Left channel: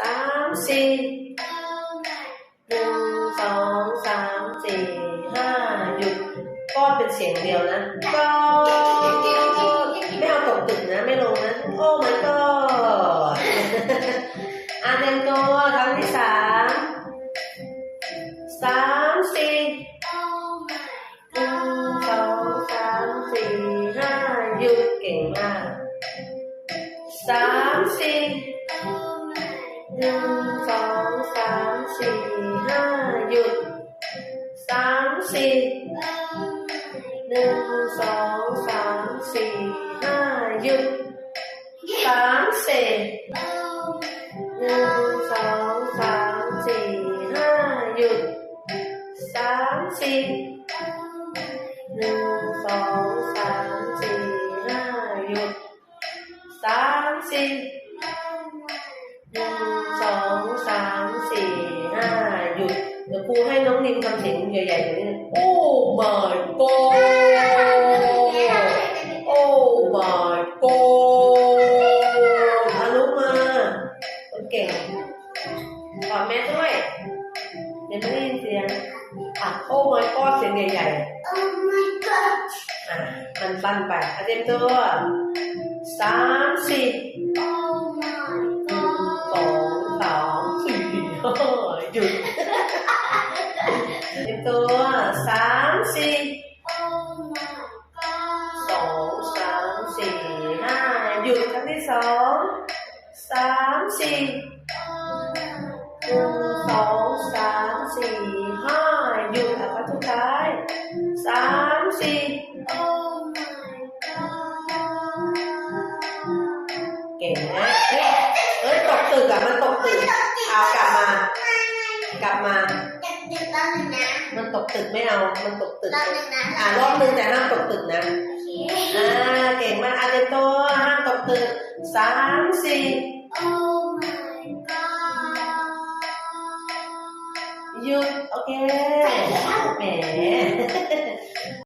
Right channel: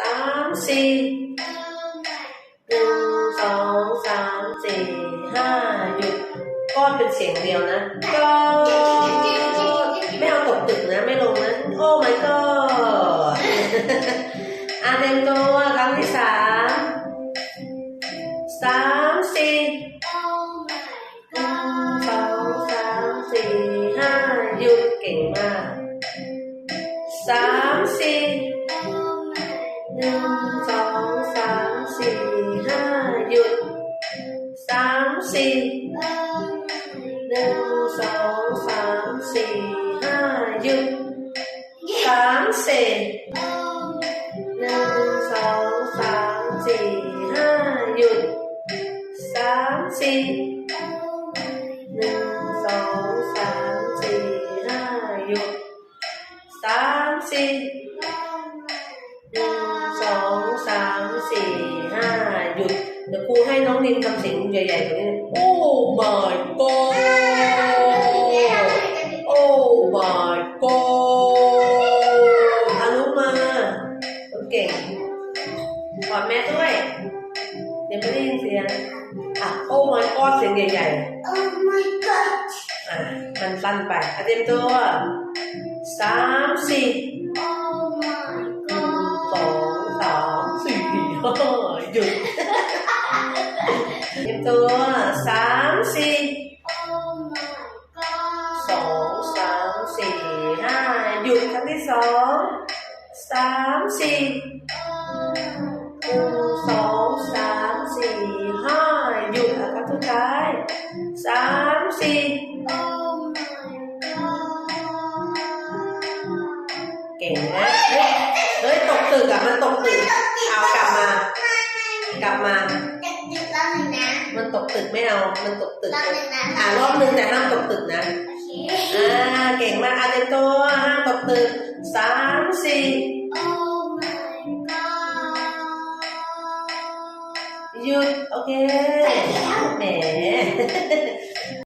สามสี่หนึ่งสองสามสี่ห้าหยุดก้อนเป็นเสียงเดียวนะก้อนไม่เอาตกตึกนะไม่ลงนะ โอ้ my god อะเต็มตัวครั้งที่สามสามสี่หนึ่งสองสามสี่ห้าหยุดเก่งมากสามสี่ หนึ่งสองสามสี่ห้าหยุดสามสี่หนึ่งสองสามสี่ห้าหยุดสามสี่หนึ่งสองสามสี่ห้าหยุดสามสี่หนึ่งสองสามสี่ห้าหยุดสามสี่ห เดี๋ยวครูให้น้องนินทำเสียงใหญ่ๆกว่านี้โอ้ my god โอ้ my god อารุมาคนเก่งกอดแม่ด้วยเดี๋ยวไม่ได้ยินเสียงอะโอ้ my god เสียงใหญ่ๆ Oh my god! อะมันสั้นไปอะเตรียมตัวสามสี่ เตรียมตัวสามสี่สองสามสี่ห้าหยุดครั้งที่สองสามสี่หนึ่งสองสามสี่ห้าหยุดอะครั้งสุดท้ายสามสี่เก่งนะเฮ้ยเฮ้ยตกตึกอะมันตกตึกเอากลับมากลับมา จะติดรอบหนึ่งนะมันตกตึกไม่เอา มันตกตึกรอบหนึ่งนะอ่ารอบนึงแต่ห้ามตกตึกนะโอเคอ่าเก่งมากอาเตรียมตัวห้ามตกตึกสามสี่ Oh my god! หยุดโอเคแหม